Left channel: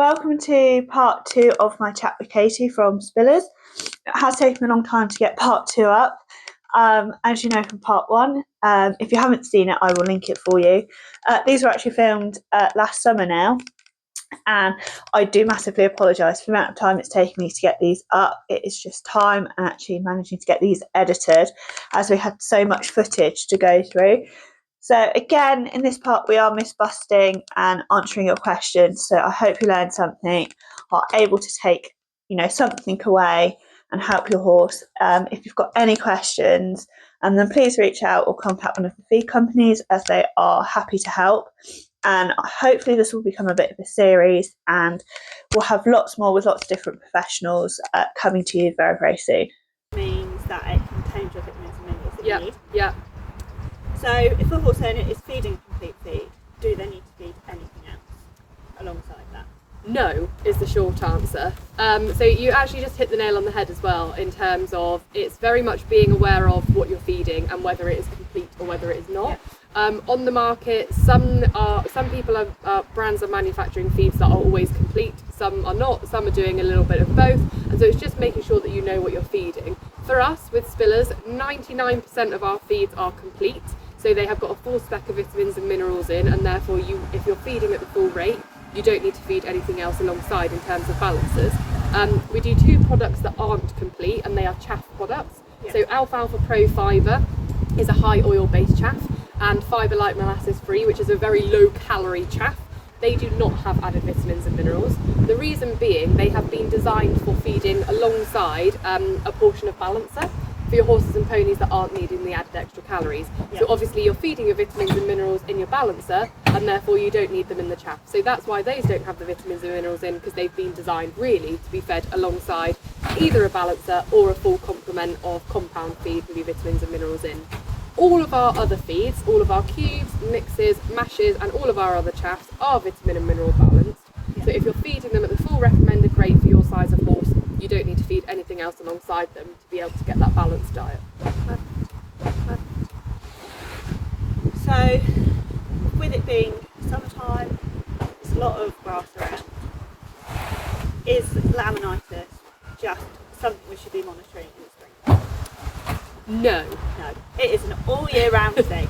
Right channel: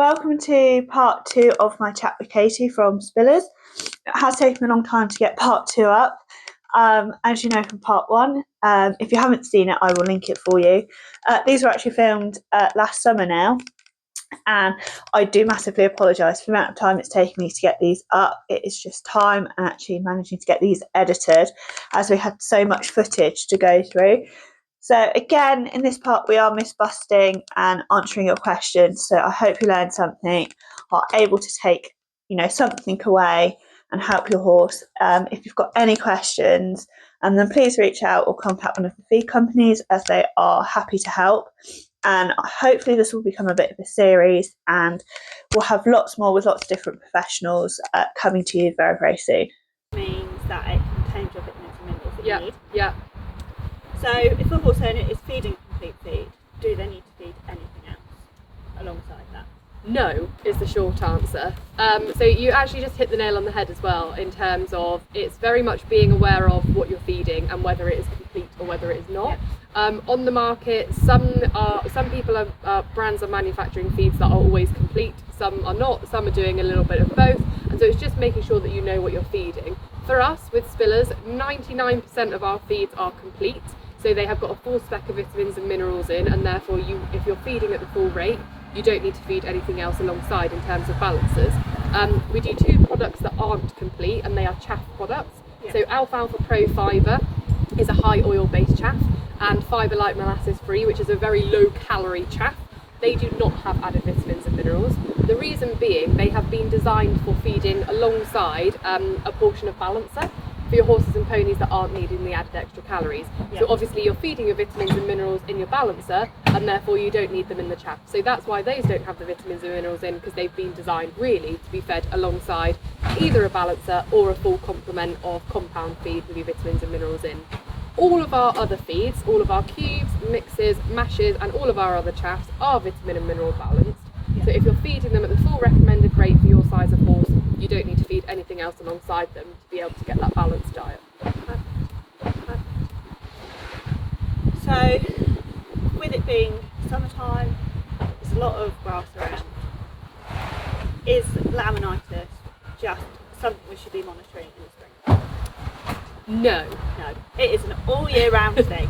welcome to part 2 of my chat with Katie from Spillers. It has taken a long time to get part 2 up, as you know from part 1. If you haven't seen it, I will link it for you. These were actually filmed last summer now, and I do massively apologise for the amount of time it's taken me to get these up. It is just time and actually managing to get these edited, as we had so much footage to go through. So again, in this part, we are myth-busting and answering your questions. So I hope you learned something, are able to take, something away and help your horse. If you've got any questions, then please reach out or contact one of the feed companies, as they are happy to help. And hopefully this will become a bit of a series, and we'll have lots more with lots of different professionals coming to you very, very soon. Means that it contains your vitamins and minerals that you need. Yeah. So if a horse owner is feeding a complete feed, do they need to feed anything else alongside that? No is the short answer. So you actually just hit the nail on the head as well, in terms of it's very much being aware of what you're feeding and whether it is complete or whether it is not. On the market, some brands are manufacturing feeds that are always complete, some are not, some are doing a little bit of both, and so it's just making sure that you know what you're feeding. For us, with Spillers, 99% of our feeds are complete, so they have got a full spec of vitamins and minerals in, and therefore if you're feeding at the full rate, you don't need to feed anything else alongside in terms of balancers. We do 2 products that aren't complete, and they are chaff products. So Alfa Pro Fibre is a high oil based chaff, and Fibre Light molasses free, which is a very low calorie chaff. They do not have added vitamins and minerals. The reason being, they have been designed for feeding alongside a portion of balancer for your horses and ponies that aren't needing the added extra calories. So obviously you're feeding your vitamins and minerals in your balancer, and therefore you don't need them in the chaff. So that's why those don't have the vitamins and minerals in, because they've been designed really to be fed alongside either a balancer or a full complement of compound feed with your vitamins and minerals in. All of our other feeds, all of our cubes, mixes, mashes, and all of our other chaffs are vitamin and mineral balanced. So if you're feeding them at the full recommended rate for your size of horse, you don't need to feed anything else alongside them to be able to get that balanced diet. Perfect. So, with it being summertime, there's a lot of grass around. Is laminitis just something we should be monitoring in the spring? No, it is an all year round thing.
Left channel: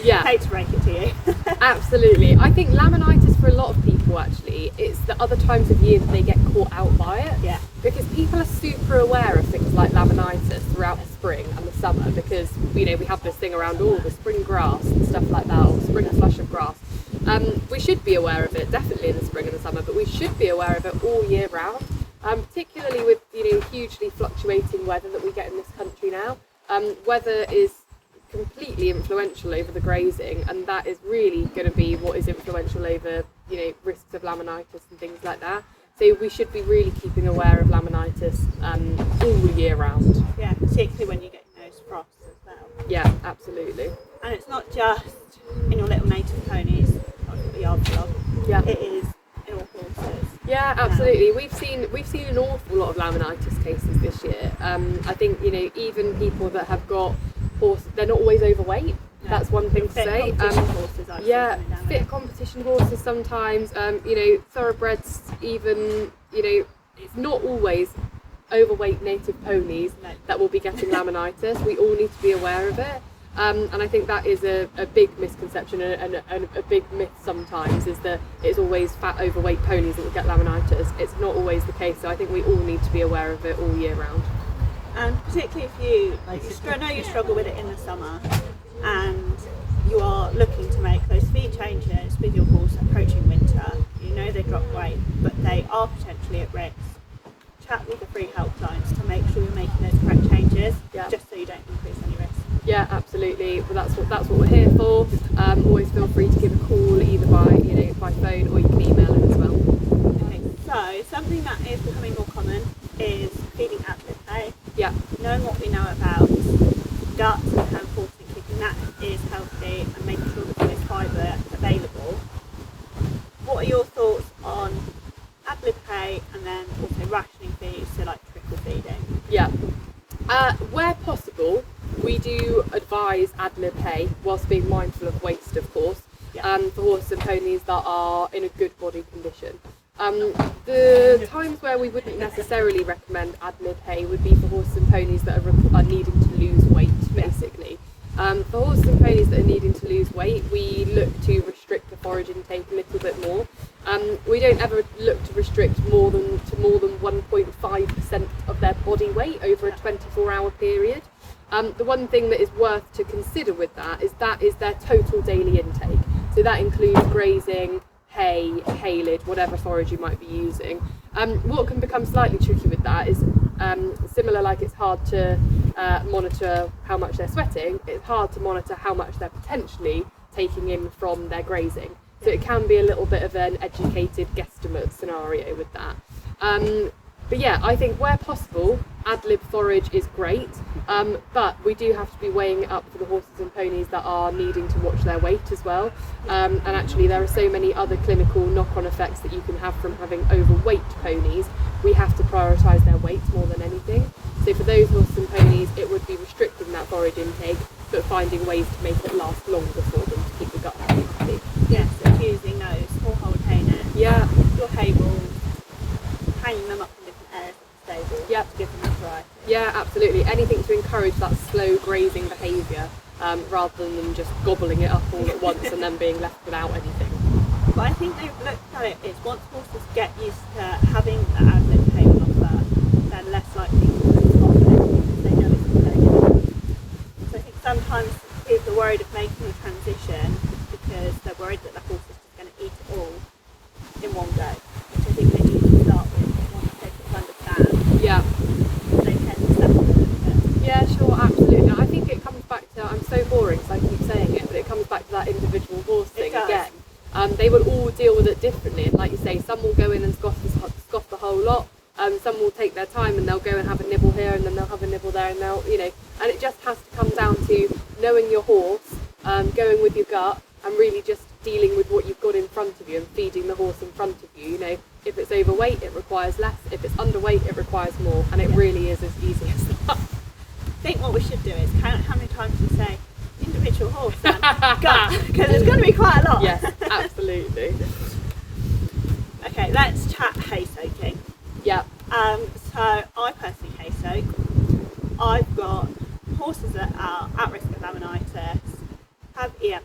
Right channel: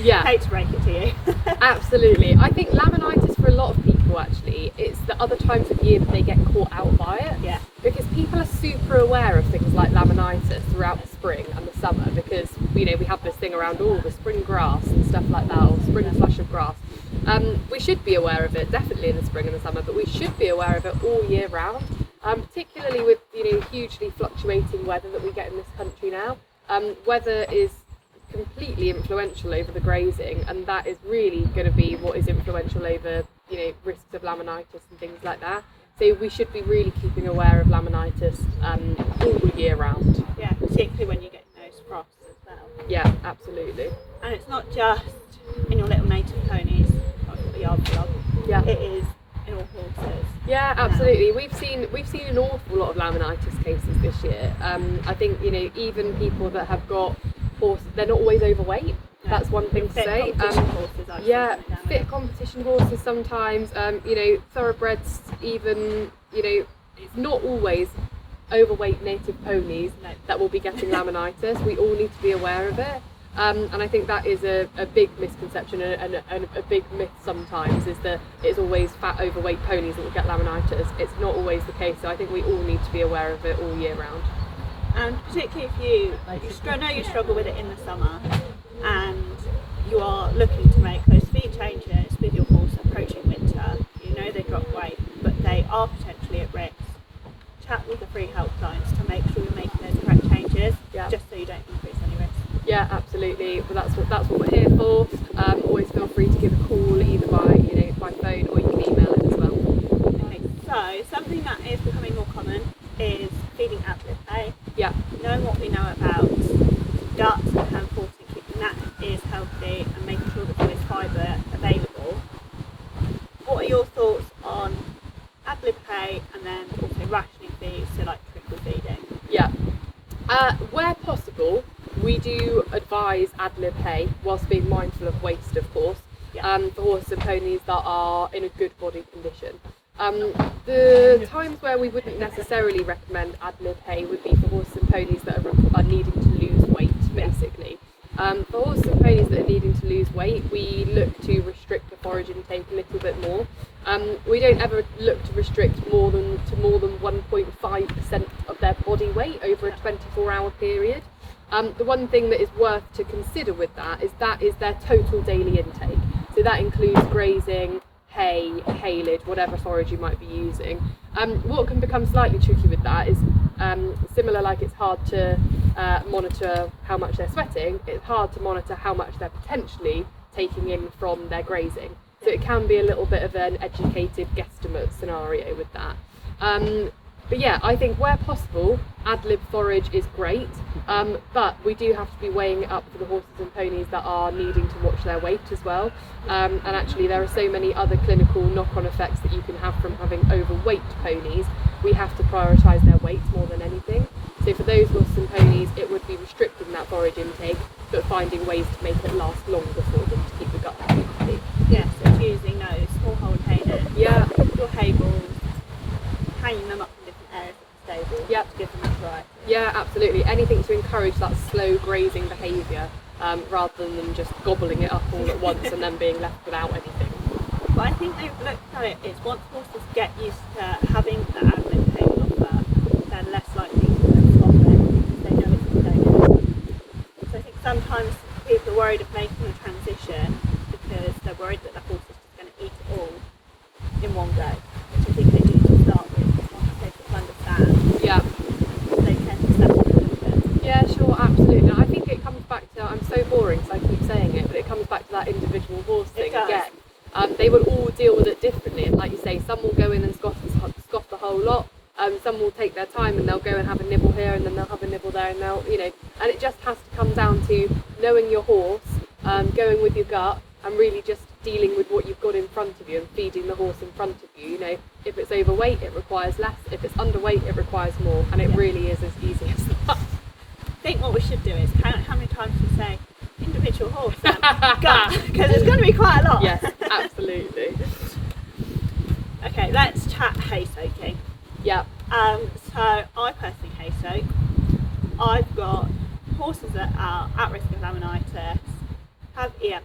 Yeah. Hate to break it to you. Absolutely. I think laminitis for a lot of people, actually, it's the other times of year that they get caught out by it. Yeah. Because people are super aware of things like laminitis throughout the spring and the summer, because we have this thing around all the spring grass and stuff like that, or spring flush of grass. We should be aware of it definitely in the spring and the summer, but we should be aware of it all year round, particularly with hugely fluctuating weather that we get in this country now. Weather is completely influential over the grazing, and that is really going to be what is influential over risks of laminitis and things like that. So we should be really keeping aware of laminitis all year round. Yeah, particularly when you get those frosts as well. Yeah, absolutely. And it's not just in your little native ponies, like what the yard log. Yeah, it is in all horses. Yeah, absolutely. We've seen an awful lot of laminitis cases this year. I think even people that have got horses, they're not always overweight. No. That's one thing to say. Horses, fit competition horses sometimes. Thoroughbreds even. It's not always overweight native ponies that will be getting laminitis. We all need to be aware of it. And I think that is a big misconception and a big myth sometimes, is that it's always fat overweight ponies that will get laminitis. It's not always the case, so I think we all need to be aware of it all year round. And particularly if I know you struggle with it in the summer and you are looking to make those feed changes with your horse approaching winter, they drop weight, but they are potentially at risk. Chat with the free helplines to make sure you're making those correct changes, just so you don't increase any risk. Yeah, absolutely. Well, that's what we're here for. Always feel free to give a call, either by phone, or you can email it as well. Okay, so something that is becoming more common is feeding ad-lib hay. Yeah. Knowing what we know about guts and how important keeping that is healthy and making sure that there is fibre available. What are your thoughts on ad-lib hay and then also rationing feeds, so like trickle feeding? Yeah. Where possible, we do advise ad-lib hay, whilst being mindful of waste, of course, for horses and ponies that are in a good body condition. The times where we wouldn't necessarily recommend ad-lib hay would be for horses and ponies that are needing to lose weight, basically. For horses and ponies that are needing to lose weight, we look to restrict the forage intake a little bit more. We don't ever look to restrict more than 1.5% of their body weight over a 24-hour period. The one thing that is worth to consider with that is their total daily intake. So that includes grazing, hay, haylage, whatever forage you might be using. What can become slightly tricky with that is similar, like it's hard to monitor how much they're sweating, it's hard to monitor how much they're potentially taking in from their grazing. So it can be a little bit of an educated guesstimate scenario with that. But yeah, I think where possible, ad-lib forage is great, but we do have to be weighing it up for the horses and ponies that are needing to watch their weight as well. And actually there are so many other clinical knock-on effects that you can have from having overweight ponies. We have to prioritise their weight more than anything. So for those horses and ponies, it would be restricting that forage intake, but finding ways to make it last longer for them to keep the gut happy. Yes, it's using those small hold hay nets, your hay balls, hanging them up in different areas of the stable to give them that variety. Yeah, absolutely. Anything to encourage that slow grazing behaviour rather than them just gobbling it up all at once and then being left without anything. But I think they've looked at it, it's once horses get used to having the ad-lib hay on offer, they're less likely to stop it because they know it's not going anywhere. So I think sometimes people are worried of making the transition because they're worried that the horse is just going to eat it all in one go, which I think they do to start with. Once they sort of understand, they tend to settle a little bit. Yeah, sure, absolutely. I think it comes back to, I'm so boring so I keep saying it, but it comes back to that individual horse thing again. They will all deal with it differently, and like you say, some will go in and scoff the whole lot. Some will take their time and they'll go and have a nibble here and then they'll have a nibble there, and they'll, and it just has to come down to knowing your horse, going with your gut, and really just dealing with what you've got in front of you and feeding the horse in front of you. If it's overweight, it requires less. If it's underweight, it requires more, and it really is as easy as that. I think what we should do is count how many times you say individual horse and gut, because it's going to be quite a lot. Yes, absolutely. Okay, let's chat hay soaking. Yeah. So I personally hay soak. I've got horses that are at risk of laminitis, have EMS,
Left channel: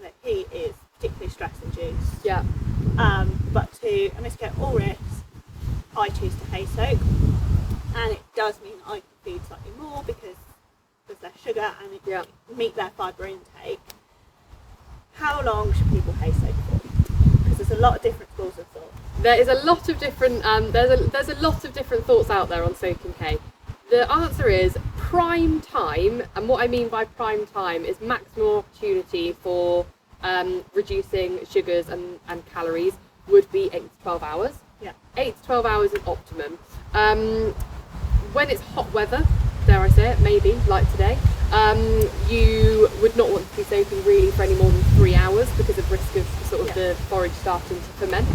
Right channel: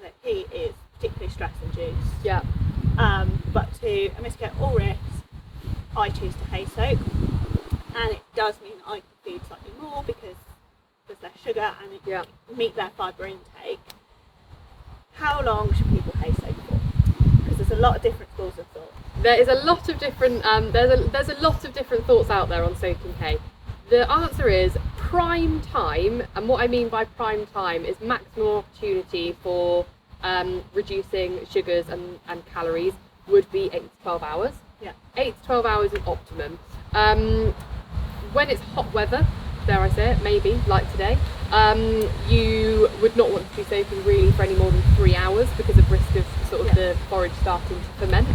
that he is particularly stress induced. Yeah. But to mitigate all risks, I choose to hay soak, and it does mean I can feed slightly more because there's less sugar and it can meet their fibre intake. How long should people hay soak for? Because there's a lot of different schools of thought. There is a lot of different there's a lot of different thoughts out there on soaking hay. The answer is prime time, and what I mean by prime time is maximum opportunity for reducing sugars and calories would be 8 to 12 hours. Yeah. 8 to 12 hours is optimum. When it's hot weather, dare I say it, maybe, like today, you would not want to be soaking really for any more than 3 hours because of risk of sort of the forage starting to ferment.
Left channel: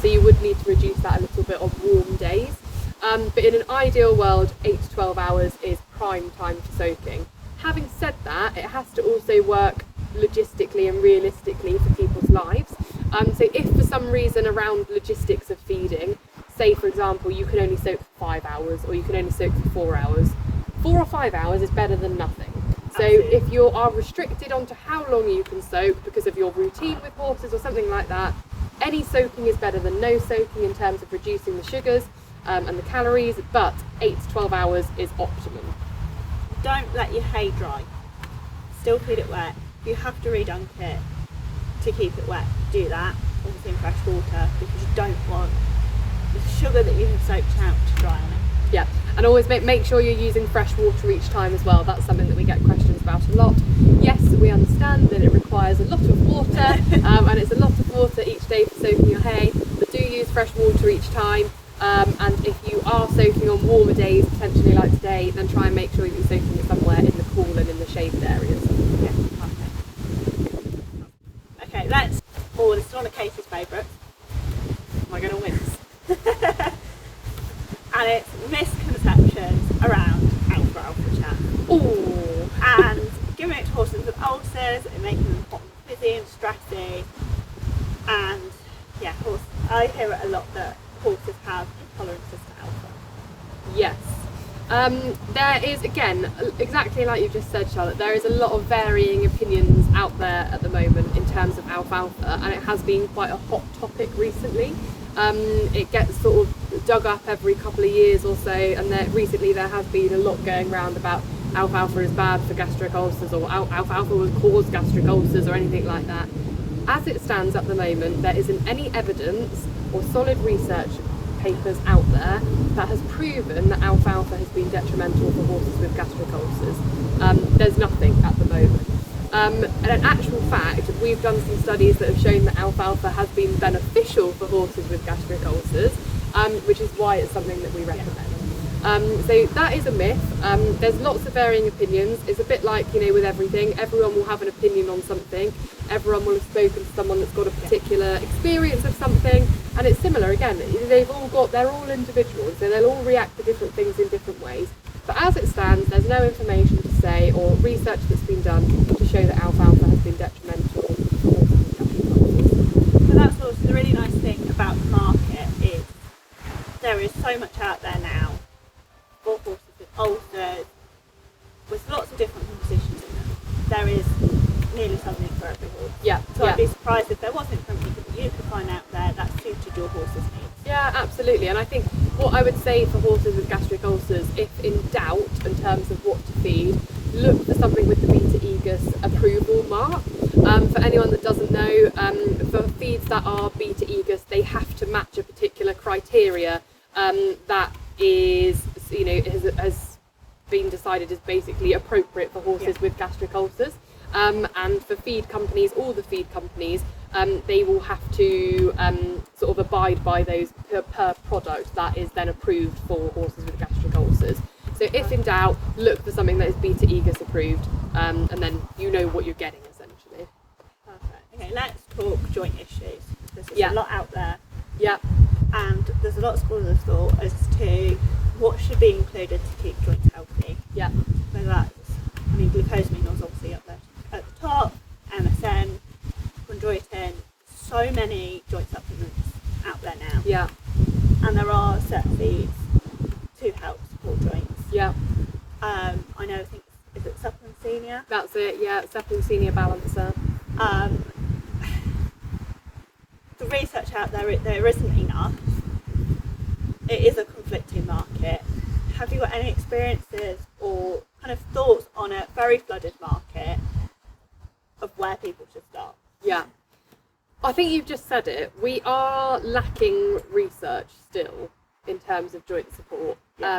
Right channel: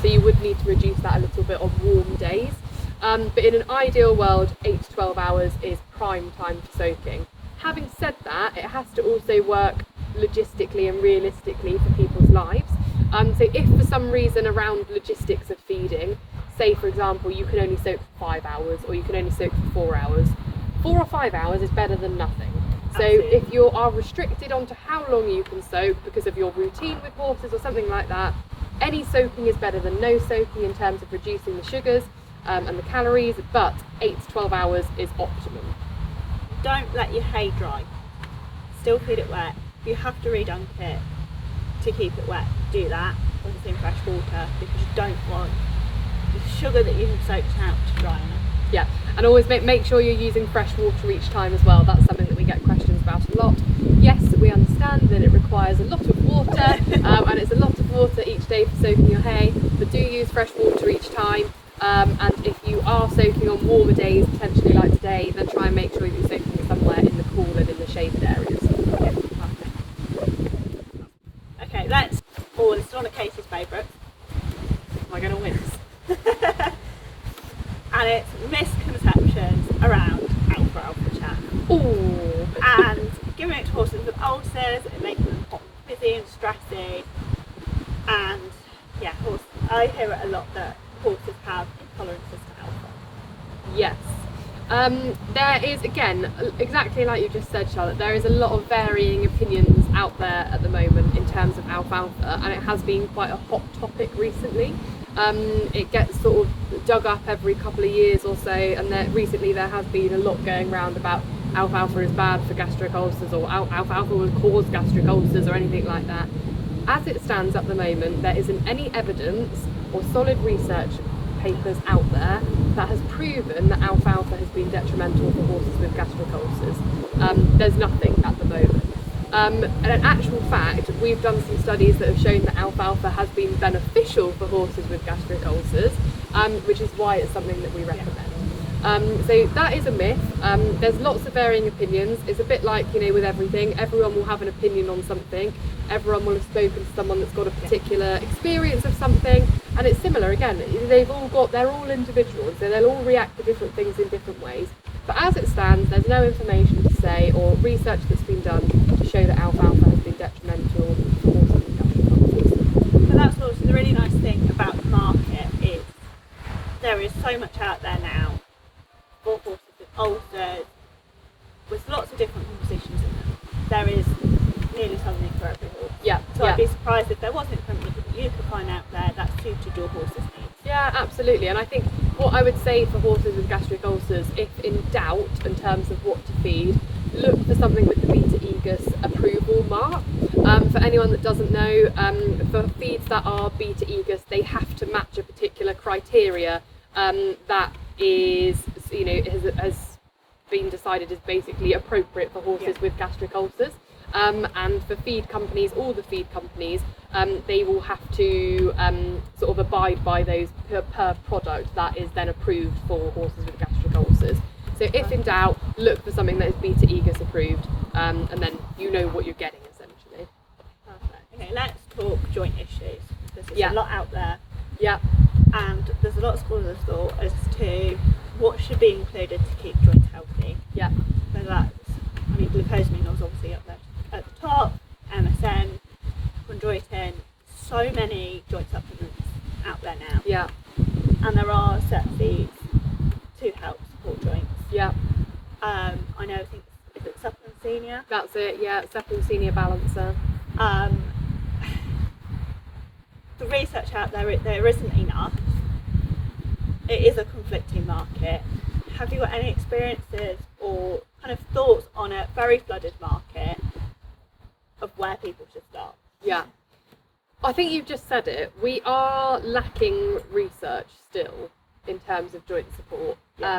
So you would need to reduce that a little bit on warm days. But in an ideal world, 8 to 12 hours is prime time for soaking. Having said that, it has to also work logistically and realistically for people's lives. So if for some reason around logistics of feeding, say for example you can only soak for 5 hours or you can only soak for 4 hours, 4 or 5 hours is better than nothing. So if you are restricted onto how long you can soak because of your routine with horses or something like that, any soaking is better than no soaking in terms of reducing the sugars and the calories, but 8 to 12 hours is optimum. Don't let your hay dry. Still feed it wet. If you have to redunk it to keep it wet, do that, obviously in fresh water, because you don't want the sugar that you have soaked out to dry on it. Yeah, and always make sure you're using fresh water each time as well. That's something that we get questions about a lot. Yes, we understand that it requires a lot of water and it's a lot of water each day for soaking your hay, but do use fresh water each time. And if you are soaking on warmer days, potentially like today, then try and make sure you're soaking it somewhere in the cool and in the shaded areas. Yeah, perfect. Okay, this is one of Katie's favourites. Am I going to wince? And it's misconceptions around alpha chaff. Ooh. And giving it to horses with ulcers and making them hot and fizzy and stressy. And yeah, I hear it a lot that horses have intolerances to alpha. Yes. There is, again, exactly like you just said, Charlotte, there is a lot of varying opinions out there at the moment in terms of alfalfa, and it has been quite a hot topic recently. It gets sort of dug up every couple of years or so, and recently there has been a lot going around about alfalfa is bad for gastric ulcers, or alfalfa will cause gastric ulcers, or anything like that. As it stands at the moment, there isn't any evidence or solid research papers out there that has proven that alfalfa has been detrimental for horses with gastric ulcers. There's nothing at the moment. And in actual fact, we've done some studies that have shown that alfalfa has been beneficial for horses with gastric ulcers, which is why it's something that we recommend. So that is a myth. There's lots of varying opinions. It's a bit like, with everything. Everyone will have an opinion on something. Everyone will have spoken to someone that's got a particular experience of something. And it's similar, again, they're all individuals, so they'll all react to different things in different ways. But as it stands, there's no information to say, or research that's been done to show that alfalfa has been detrimental for horses with gastric ulcers. But that's also the really nice thing about the market is there is so much out there now for horses with ulcers, with lots of different compositions in them. There is nearly something for every horse. Yeah. So I'd be surprised if there wasn't something that you could find out there that suited your horse's needs. Yeah, absolutely. And I think what I would say for horses with gastric ulcers, if in doubt in terms of what to feed, look for something with the Beta Aegus approval mark. For anyone that doesn't know, for feeds that are Beta Aegus, they have to match a particular criteria that is, has been decided is basically appropriate for horses with gastric ulcers. And for feed companies, all the feed companies, they will have to sort of abide by those per product that is then approved for horses with gastric ulcers. So if in doubt, look for something that is Beta Aegus approved, and then you know what you're getting essentially. Perfect. Okay, let's talk joint issues. There's a lot out there. Yeah. And there's a lot of schools of thought as to what should be included to keep joints healthy. Yeah. Whether that's, glucosamine is obviously up there at the top, MSM, chondroitin, so many joint supplements out there now. Yeah. And there are set feeds to help support joints. Yeah. I think, is it Supplementsenia? That's it, yeah, Supplementsenia Balancer. The research out there isn't enough. It is a conflicting market. Have you got any experiences or kind of thoughts on a very flooded market of where people should start? Yeah. I think you've just said it. We are lacking research still in terms of joint support. Yeah.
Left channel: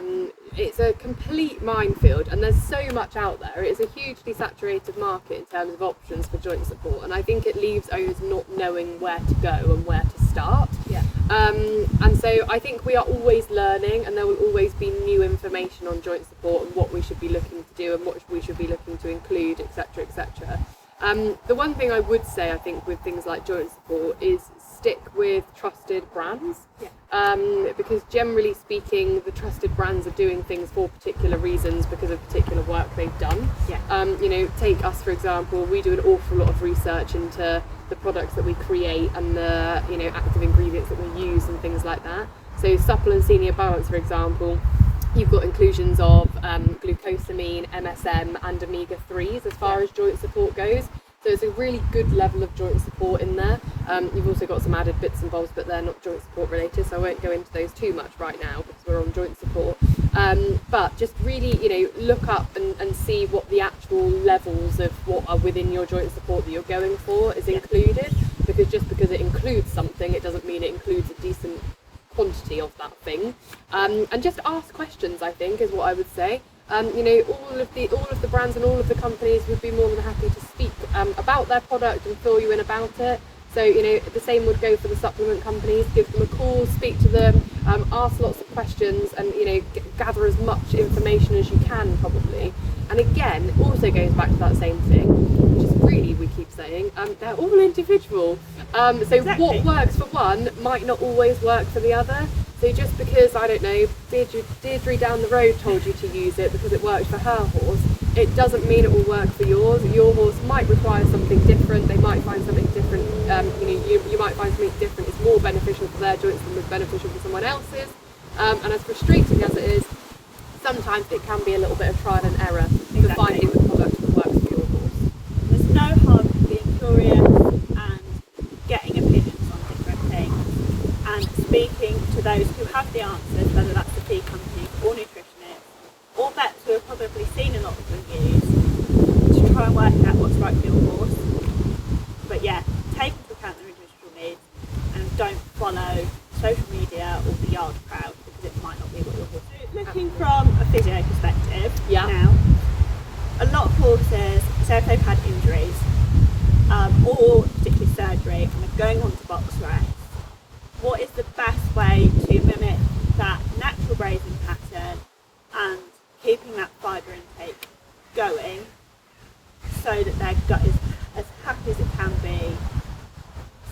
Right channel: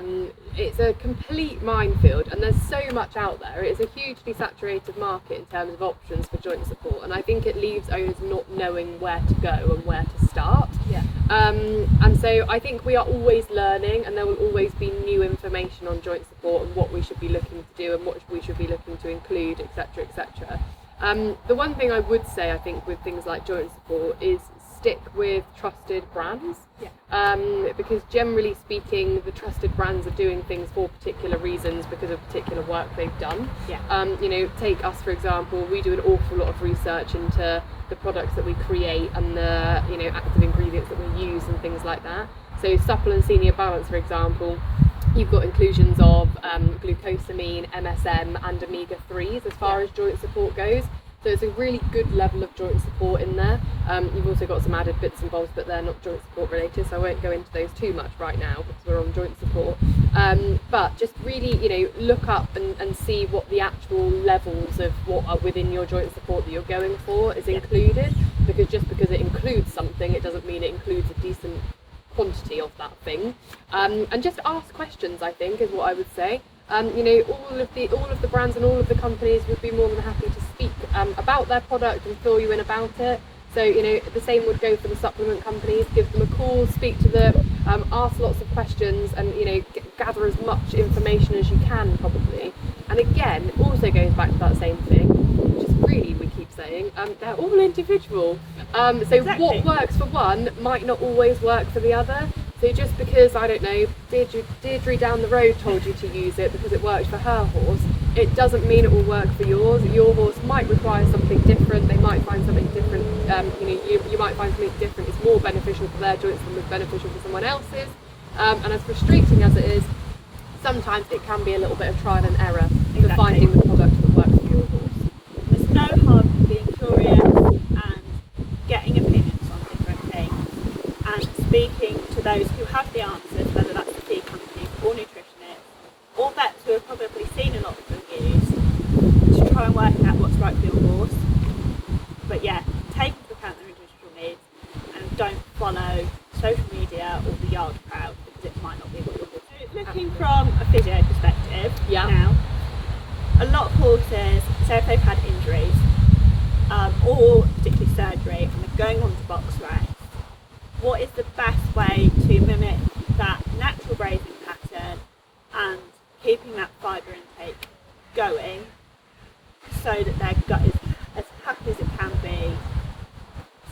It's a complete minefield, and there's so much out there. It's a hugely saturated market in terms of options for joint support, and I think it leaves owners not knowing where to go and where to start. Yeah. And so I think we are always learning, and there will always be new information on joint support and what we should be looking to do and what we should be looking to include, etc., etc. The one thing I would say, I think, with things like joint support is stick with trusted brands. Yeah. Because generally speaking, the trusted brands are doing things for particular reasons because of particular work they've done. Yeah. Take us for example, we do an awful lot of research into the products that we create and the active ingredients that we use and things like that. So Supplementsenia Balance, for example, you've got inclusions of glucosamine, MSM and omega-3s as far as joint support goes. So it's a really good level of joint support in there. You've also got some added bits and bobs, but they're not joint support related, so I won't go into those too much right now because we're on joint support. But just really, look up and see what the actual levels of what are within your joint support that you're going for is included. Because just because it includes something, it doesn't mean it includes a decent quantity of that thing. And just ask questions, I think, is what I would say. All of the brands and all of the companies would be more than happy to speak about their product and fill you in about it. So the same would go for the supplement companies. Give them a call, speak to them, ask lots of questions, and gather as much information as you can probably. And again, it also goes back to that same thing, which is really, we keep saying, they're all individual. So exactly. What works for one might not always work for the other. So just because, I don't know, Deirdre down the road told you to use it because it worked for her horse, it doesn't mean it will work for yours. Your horse might require something different. They might find something different. You might find something different is more beneficial for their joints than was beneficial for someone else's. And as frustrating as it is, sometimes it can be a little bit of trial and error for finding the product that works for your horse. There's no harm in being curious and getting opinions on different things and speaking to those who have the answers, whether that's the feed company or nutritionists or vets who have probably seen a lot of reviews, to try and work out what's right for your horse. But yeah, take into account their individual needs and don't follow social media or the yard crowd because it might not be what your horse is. Looking from a physio perspective now, a lot of horses, say if they've had injuries or particularly surgery and they're going on to box rest, what is the best way to mimic that natural grazing pattern and keeping that fibre intake going so that their gut is as happy as it can be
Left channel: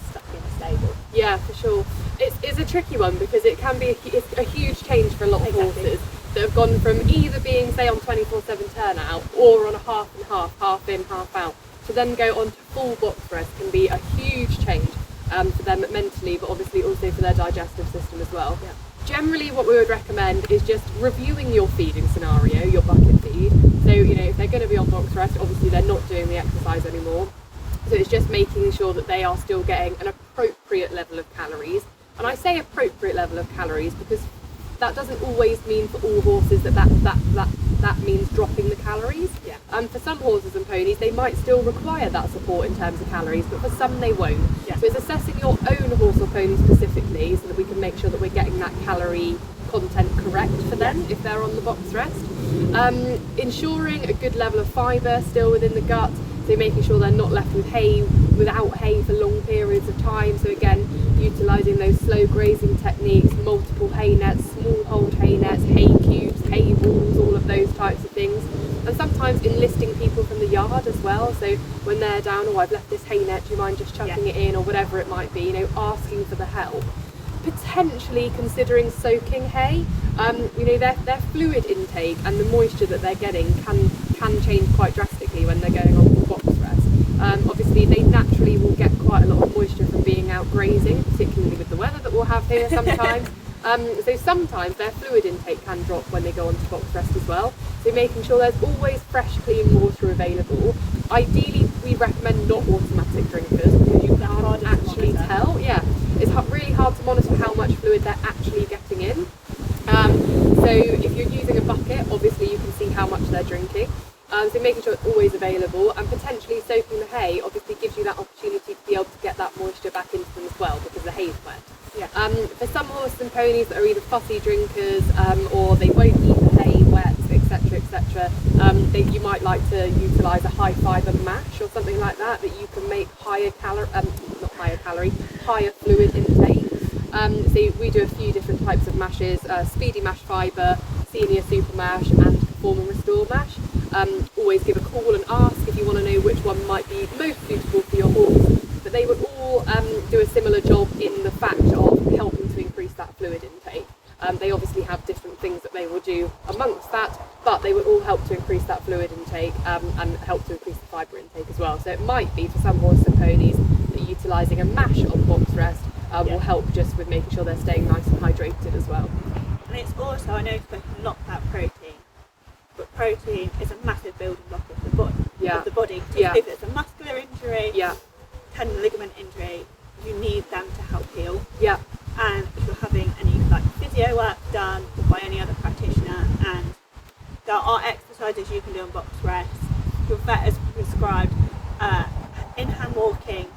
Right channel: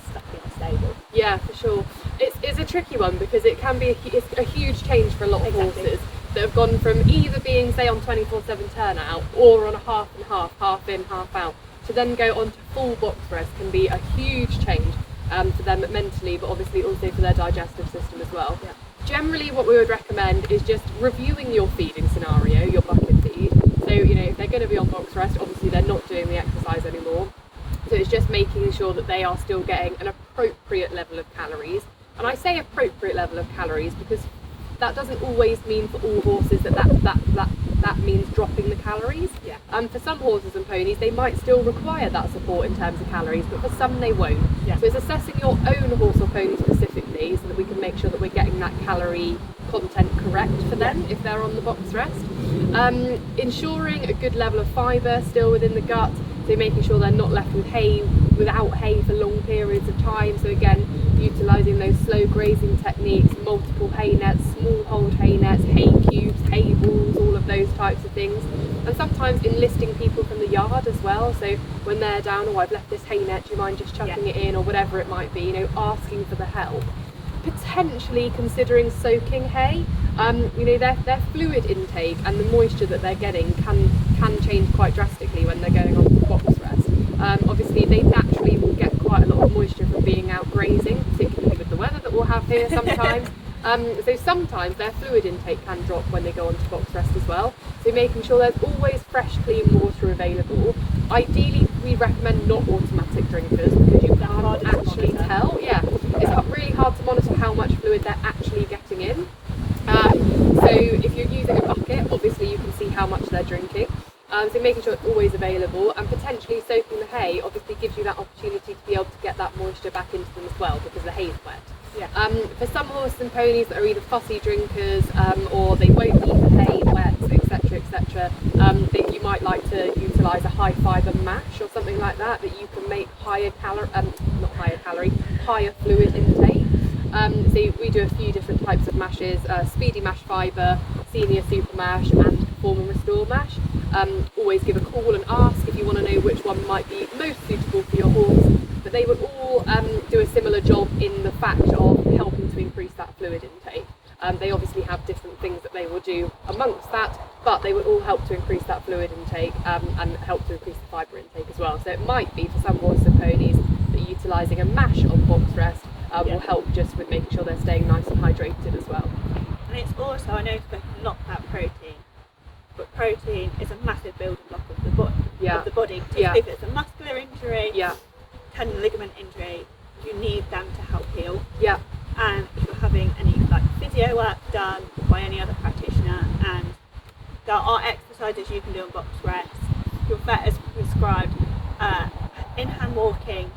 stuck in a stable? Yeah, for sure. It's a tricky one because it can be it's a huge change for a lot of horses that have gone from either being, say, on 24/7 turnout or on a half and half in, half out, to then go on to full box rest can be a huge change for them mentally, but obviously also for their digestive system as well. Yeah. Generally, what we would recommend is just reviewing your feeding scenario, your bucket feed. So, if they're going to be on box rest, obviously they're not doing the exercise anymore. So it's just making sure that they are still getting an appropriate level of calories. And I say appropriate level of calories because that doesn't always mean for all horses that means dropping the calories. Yeah. For some horses and ponies, they might still require that support in terms of calories, but for some they won't. Yeah. So it's assessing your own horse or pony specifically so that we can make sure that we're getting that calorie content correct for them if they're on the box rest. Ensuring a good level of fibre still within the gut, so making sure they're not left without hay for long periods of time. So again, utilising those slow grazing techniques, multiple hay nets, small hold hay nets, hay cubes, hay balls, all of those types of things. And sometimes enlisting people from the yard as well. So when they're down, I've left this hay net, do you mind just chucking it in, or whatever it might be, asking for the help. Potentially considering soaking hay. Their fluid intake and the moisture that they're getting can change quite drastically when they're going on to box rest. Obviously they naturally will get quite a lot of moisture from being out grazing, particularly with the weather that we'll have here sometimes. So sometimes their fluid intake can drop when they go on to box rest as well. So making sure there's always fresh, clean water available. Ideally, we recommend not automatic drinkers because you can't actually tell. Yeah, it's really hard to monitor how much fluid they're actually getting in. So if you're using a bucket, obviously you can see how much they're drinking. So making sure it's always available, and potentially soaking the hay obviously gives you that opportunity to be able to get that moisture back into them as well because the hay is wet. Yeah. For some horses and ponies that are either fussy drinkers or they won't eat the hay wet, etc., you might like to utilise a high fibre mash or something like that you can make higher fluid intake. So we do a few different types of mashes: speedy mash fibre, senior super mash, and perform and restore mash. Always give a call and ask if you want to know which one might be most suitable for your horse. But they would all do a similar job in the fact of helping to increase that fluid intake. They obviously have different things that they will do amongst that, but they will all help to increase that fluid intake and help to increase the fibre intake as well. So it might be for some horses and ponies that utilising a mash on box rest will help just with making sure they're staying nice and hydrated as well. And it's also, I know you've spoken a lot about protein, but protein is a massive building block of the body. Particularly if it's a muscular injury, tendon ligament injury, you need them to help heal. Yeah. And if you're having any physio work done by any other practitioner, and there are exercises you can do on box rest, your vet has prescribed in-hand walking,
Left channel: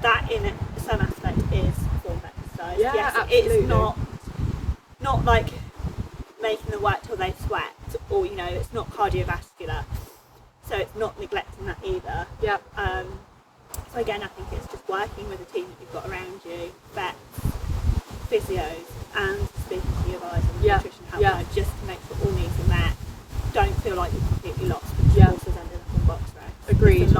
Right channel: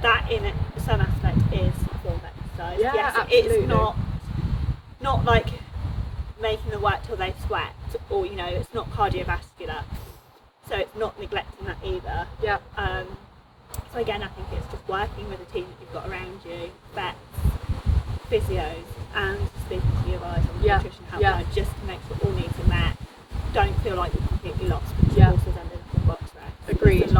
that in some aspect is a form of exercise. Yeah, yes, absolutely. It's not like making them work till they sweat, or it's not cardiovascular, so it's not neglecting that either. Yeah. So again, I think it's just working with the team that you've got around you, vets, physios, and speaking to your guys on the nutrition helpline, just to make sure all needs are met. Don't feel like you're completely lost because your horse has ended up on box rest. Agreed. There's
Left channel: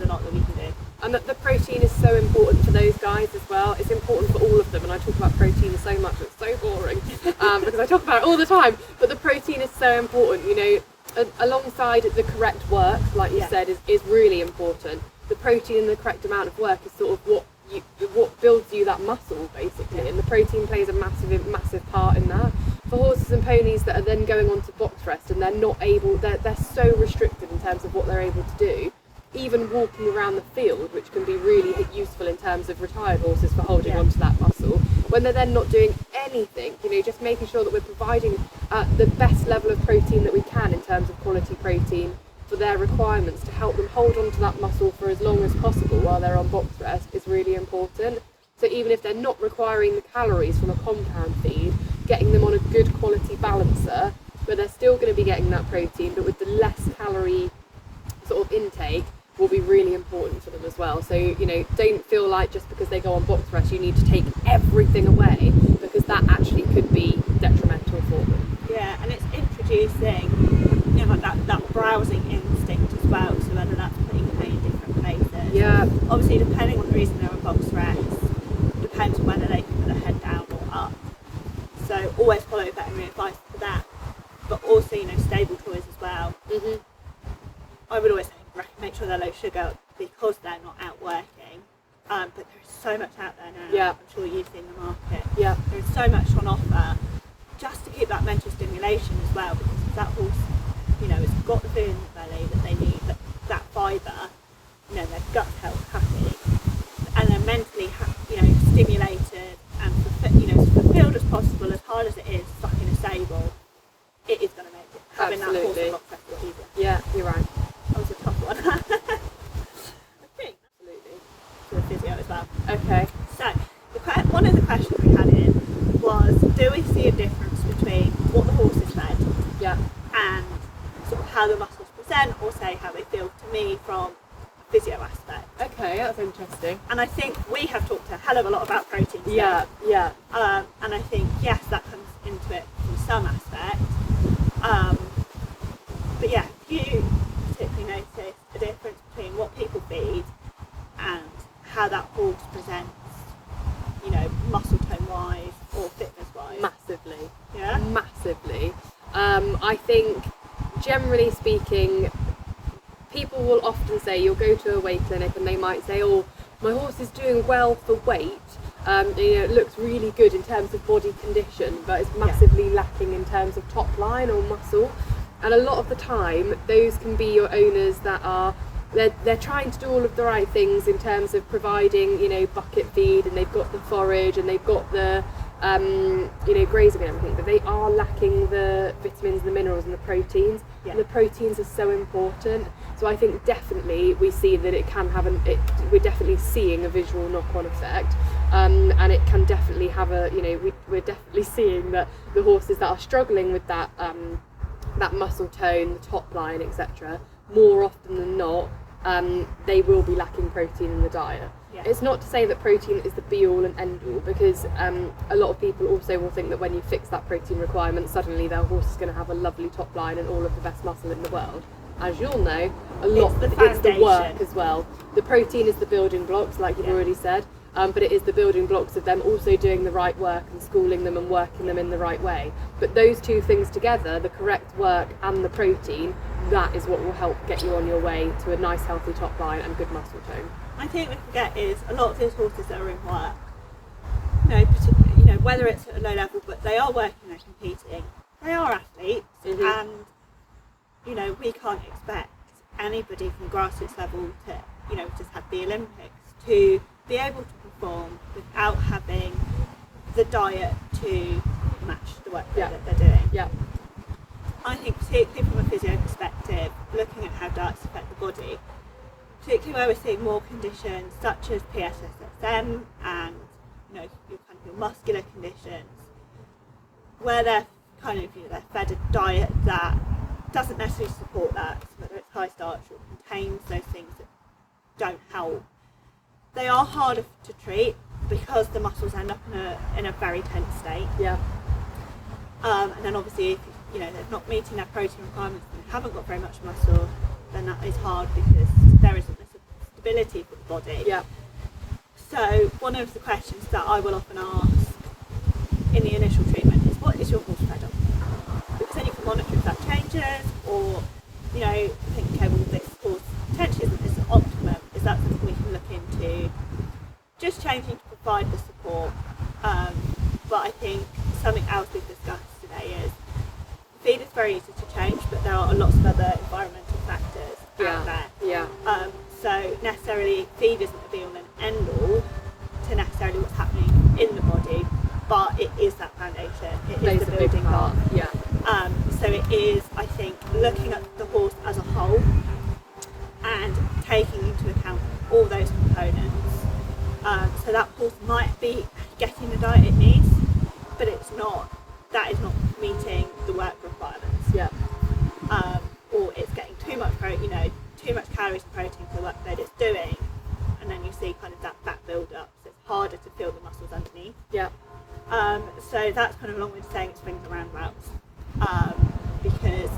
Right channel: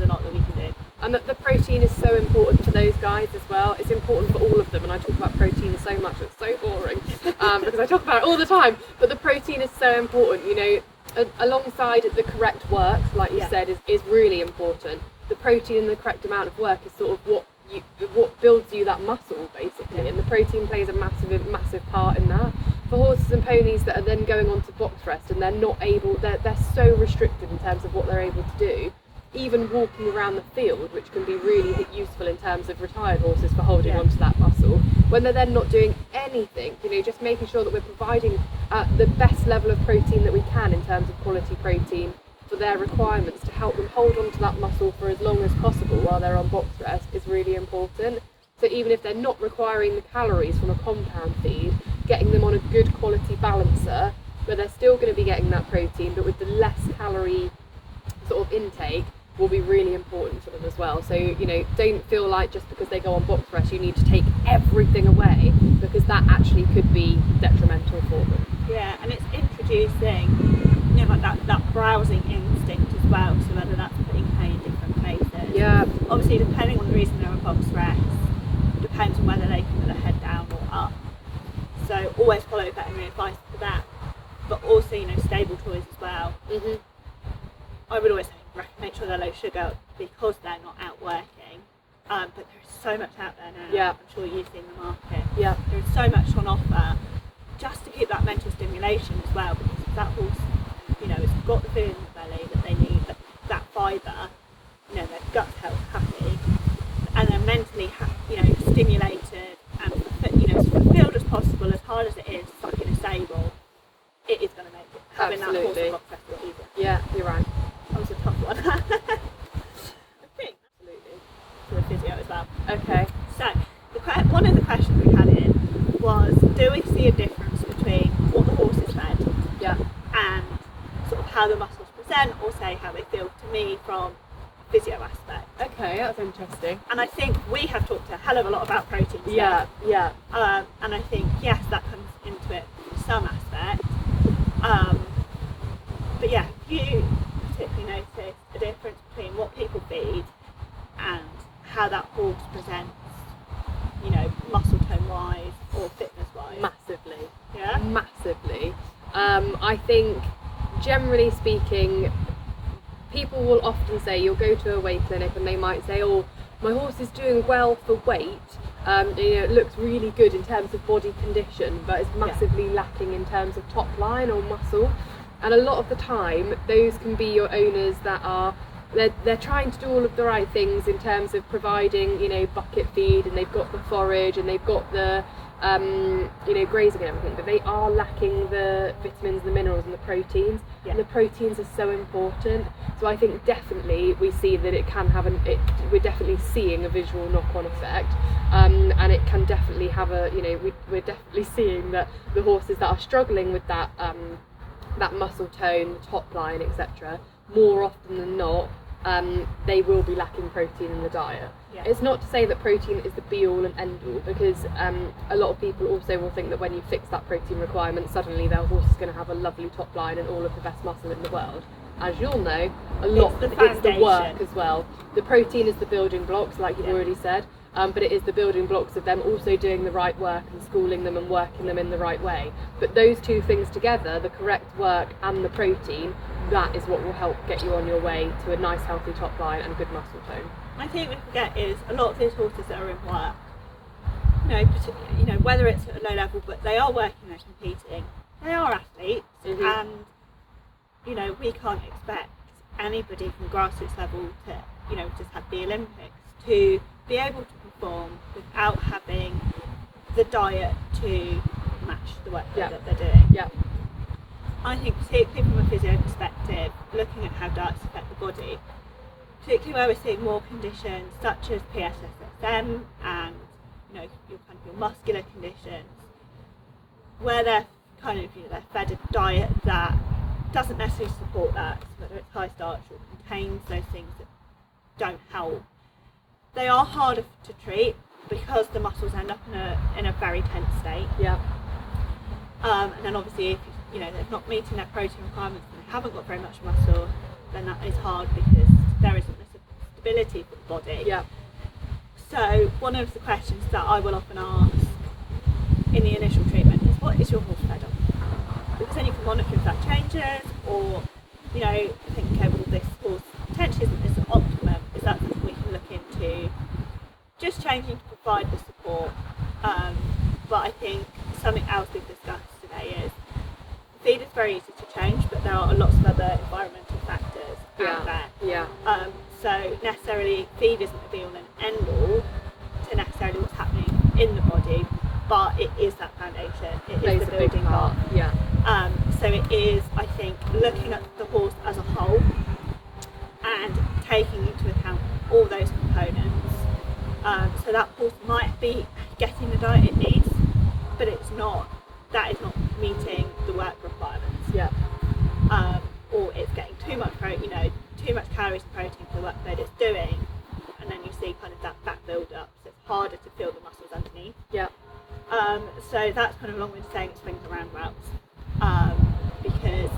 a lot that we can do. And that the protein is so important for those guys as well. It's important for all of them, and I talk about protein so much, it's so boring because I talk about it all the time, but the protein is so important, you know, alongside the correct work, like you said, is really important. The protein and the correct amount of work is sort of what builds you that muscle, basically, and the protein plays a massive part in that. For horses and ponies that are then going on to box rest and they're so restricted in terms of what they're able to do, even walking around the field, which can be really useful in terms of retired horses for holding onto that muscle, when they're then not doing anything, you know, just making sure that we're providing the best level of protein that we can in terms of quality protein for their requirements to help them hold on to that muscle for as long as possible while they're on box rest is really important. So even if they're not requiring the calories from a compound feed, getting them on a good quality balancer where they're still going to be getting that protein but with the less calorie sort of intake will be really important for them as well. So, you know, don't feel like just because they go on box rest you need to take everything away, because that actually could be detrimental for them. Yeah, and it's introducing, you know, like that browsing instinct as well, so whether that's putting hay in different places. Yeah. Obviously, depending on the reason they're on box rest, depends on whether they can put their head down or up. So always follow veterinary advice for that. But also, you know, stable toys as well. Mm-hmm. I would always say make sure they're low sugar because they're not out working. But there is so much out there now. Yeah. I'm sure you've seen the market. Yeah. There is so much on offer just to keep that mental stimulation as well, because if that horse, you know, has got the food in the belly that they need, that fibre, you know, their gut's happy, and they're mentally, you know, stimulated and, you know, as fulfilled as possible, as hard as it is stuck in a stable, it is going to make it, having that horse on box rest a lot easier. Yeah, you're right. That was a tough one. I think. Absolutely. For the physio as well. Okay. So, one of the questions we had in was, do we see a difference between what the horse is fed and sort of how the muscles present, or say how they feel to me from a physio aspect? Okay, that's interesting. And I think we have talked a hell of a lot about protein today. Yeah. And I think, yes, that comes into it in some aspect. But yeah, you particularly notice a difference between what people feed and how that horse presents, you know, muscle tone wise or fitness wise? Massively. Yeah? Massively. I think, generally speaking, people will often say, you'll go to a weight clinic and they might say, oh, my horse is doing well for weight, you know, it looks really good in terms of body condition, but it's massively lacking in terms of top line or muscle. And a lot of the time, those can be your owners that are, they're trying to do all of the right things in terms of providing, you know, bucket feed, and they've got the forage and they've got the, you know, grazing and everything, but they are lacking the vitamins, the minerals and the proteins. Yeah. And the proteins are so important. So I think definitely we see that it can have we're definitely seeing a visual knock-on effect, and it can definitely have a, you know, we're definitely seeing that the horses that are struggling with that that muscle tone, the top line, etc., more often than not, they will be lacking protein in the diet. Yeah. It's not to say that protein is the be-all and end-all, because a lot of people also will think that when you fix that protein requirement, suddenly their horse is going to have a lovely top line and all of the best muscle in the world. As you'll know, it's the work as well. The protein is the building blocks, like you've already said, but it is the building blocks of them also doing the right work and schooling them and working them in the right way. But those two things together, the correct work and the protein, that is what will help get you on your way to a nice healthy top line and good muscle tone. I think we forget is a lot of these horses that are in work, you know, whether it's at a low level, but they are working, they're competing, they are athletes, and you know, we can't expect anybody from grassroots level to, you know, just have the Olympics to be able to perform without having the diet to match the work that they're doing. Yeah. I think particularly from a physio perspective, looking at how diets affect the body, particularly where we're seeing more conditions such as PSSSM and, you know, your muscular conditions, where they're kind of, you know, they're fed a diet that doesn't necessarily support that, whether it's high starch or contains those things that don't help. They are harder to treat because the muscles end up in a very tense state. Yeah. And then obviously, if you know, they're not meeting their protein requirements and they haven't got very much muscle, then that is hard because there isn't the sustainability for the body. Yeah. So one of the questions that I will often ask in the initial treatment is, what is your horse fed on? Because then you can monitor if that changes, or think, okay, well, this horse potentially isn't this optimum. Is that something we can look into just changing to provide the support? But I think something else we've discussed today is feed is very easy to change, but there are lots of other environmental factors out there. Yeah. So necessarily feed isn't a be all and end all to necessarily what's happening in the body, but it is that foundation. It is the building block. Yeah. So it is, I think, looking at the horse as a whole and taking into account all those components. So that horse might be getting the diet it needs, but that is not meeting the work requirements. Yeah. Or it's getting too much too much calories and protein for the workload it's doing, and then you see kind of that fat build up, so it's harder to feel the muscles underneath. Yeah. So that's kind of a long way of saying it swings and roundabouts, because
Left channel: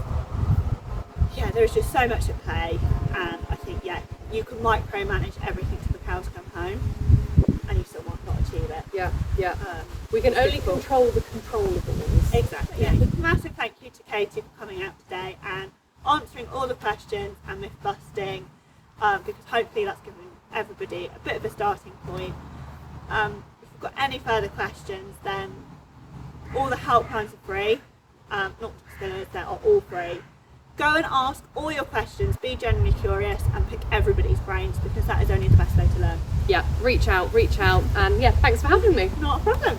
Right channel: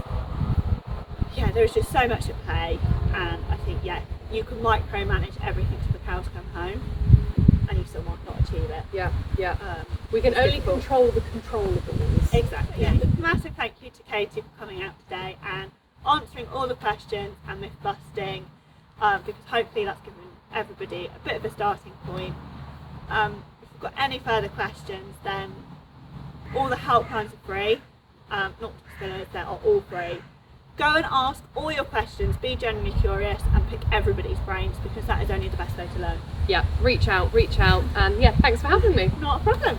there's just so much at play, and I think you can micromanage everything till the cows come home, and you still might not achieve it. We can only control the controllables. Exactly. Yeah. Massive thank you to Katie for coming out today and answering all the questions and myth busting, because hopefully that's given everybody a bit of a starting point. If you've got any further questions, then all the helplines are free. Not just Spillers, they are all free. Go and ask all your questions, be genuinely curious, and pick everybody's brains, because that is only the best way to learn. Yeah, reach out, and thanks for having me. Not a problem.